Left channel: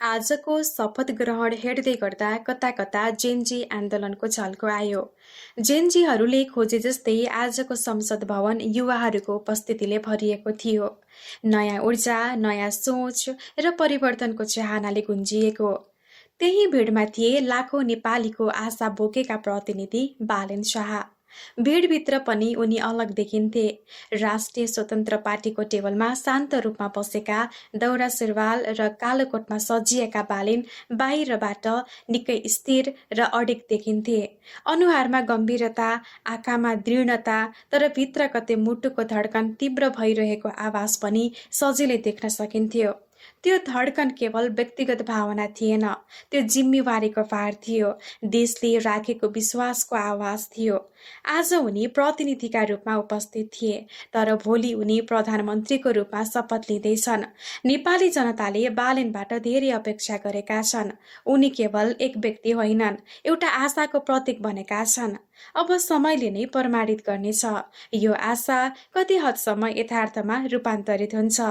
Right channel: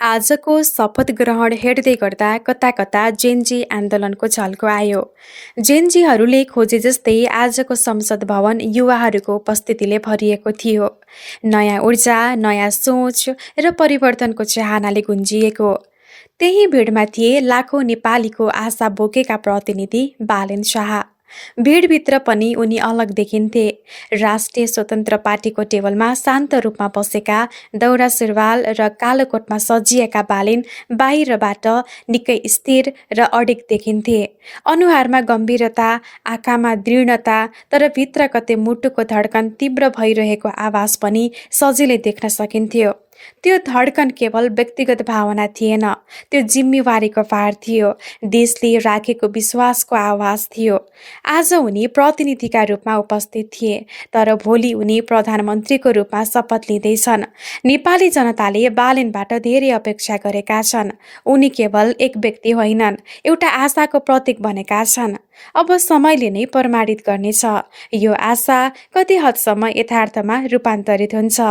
आजको शपथ ग्रहण हेर्दै गर्दा कता कता जेनजी आन्दोलनको झल्को आयो। जेनजीहरूले खोजे जस्तै आजको संसद भवन युवाहरूको उपस्थितिले भरिएको थियो। नयाँ ऊर्जा, नयाँ सोच र परिवर्तनको चाहनाले गुन्जिएको। त्यही भिडमा थिए लाखौं नेपालीको आशा बोकेका प्रतिनिधि बालेन शाह। भिडभित्र पनि उनी अलग देखिन्थे। राष्ट्रिय स्वतन्त्र पार्टीको टेबलमा शान्त रूपमा बसेका, दौरा सुरुवाल र कालो कोटमा सजिएका बालेन बाहिरबाट निकै स्थिर र अडिग देखिन्थे। अनुहारमा गम्भीरता, आँखामा दृढता, तर भित्र कतै मुटुको धड्कन तीव्र भइरहेको आवाज पनि सजिलै देख्न सकिन्थ्यो। त्यो धड्कन केवल व्यक्तिगत भावना थिएन, त्यो जिम्मेवारीको भार थियो, देशले राखेको विश्वासको आवाज थियो। आज उनी प्रतिनिधिका रूपमा उपस्थित थिए, तर भोलि उनी प्रधानमन्त्रीको रूपमा शपथ लिँदैछन्। नेपाली जनताले बालेनबाट धेरै अपेक्षा गरेका छन्। उनी केवल एक व्यक्ति होइनन्, एउटा आशाको प्रतीक बनेका छन्। अब समयले नै प्रमाणित गर्नेछ यो आशा कति हदसम्म यथार्थमा रूपान्तरित हुन्छ।